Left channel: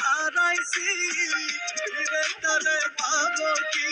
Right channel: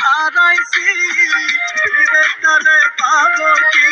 হারাইছি ফিরে তারে পাবো কি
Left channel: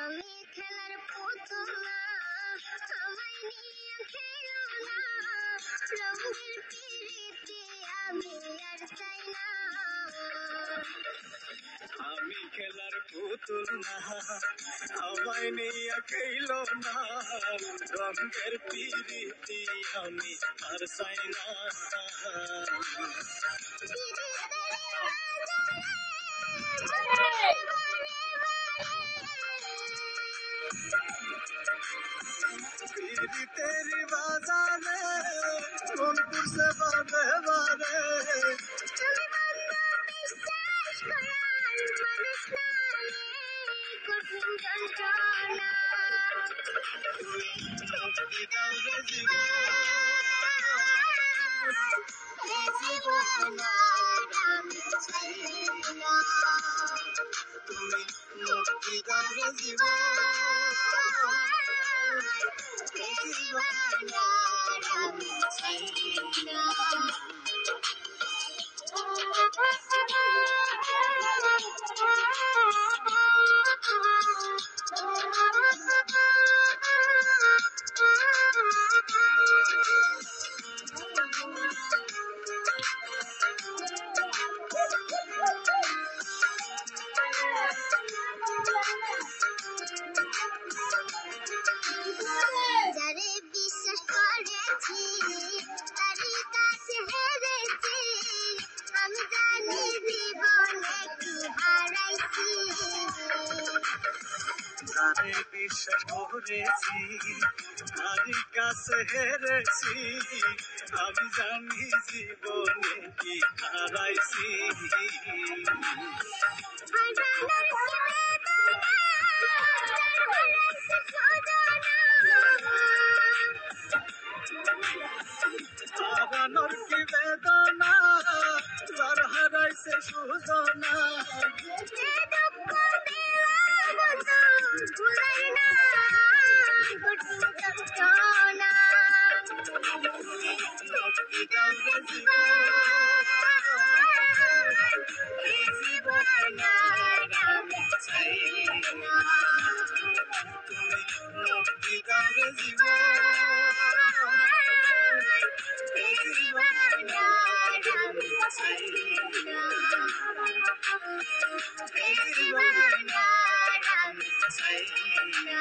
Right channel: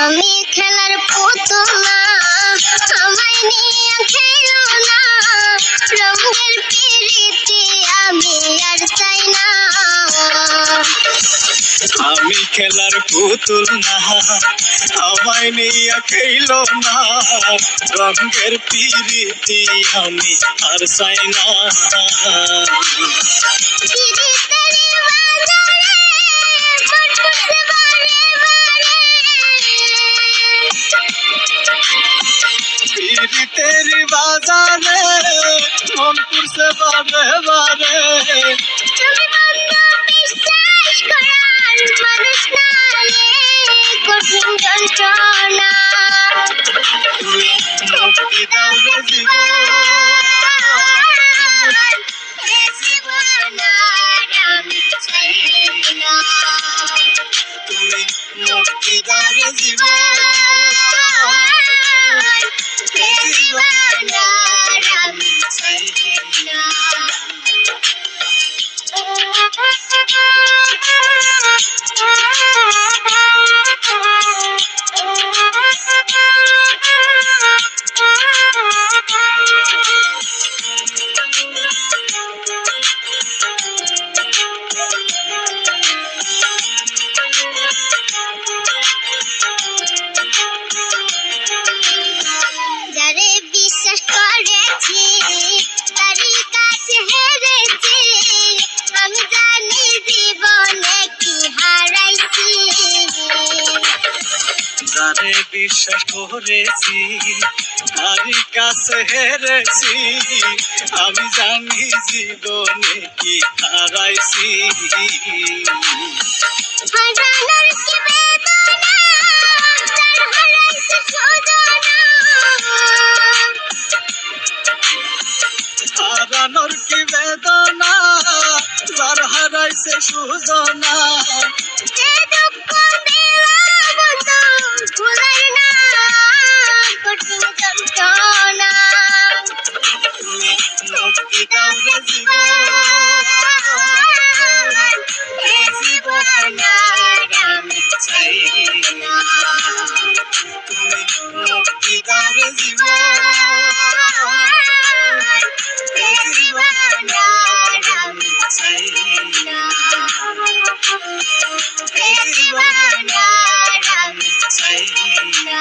আমি খেলার পুতুল না আমায় নিয়ে খেলো না রঙের পিরিতি আমি আর চাই না আমি খেলার পুতুল না আমায় নিয়ে খেলো না রঙের পিরিতি আমি আর চাই না तेरी बाजारे मनपुर से बारे बारे তুমি বন্ধ বিশ্বাস করার মানুষ না কঠিন যন্ত্রণা তুমি মুক্তি দাও রে জীবন আমি চাই না তুমি মুক্তি দাও রে জীবন যারে বিশ্বাস করেছি তারই কাছে হেরেছি আমি জানি জীবনে কি হারাইছি হারানোর কি বেদনা যার হারাইছে সুজনা মুক্তি দাও রে জীবন আমি চাই না তুমি মুক্তি দাও রে জীবন আমি চাই না জীবন আমি চাই না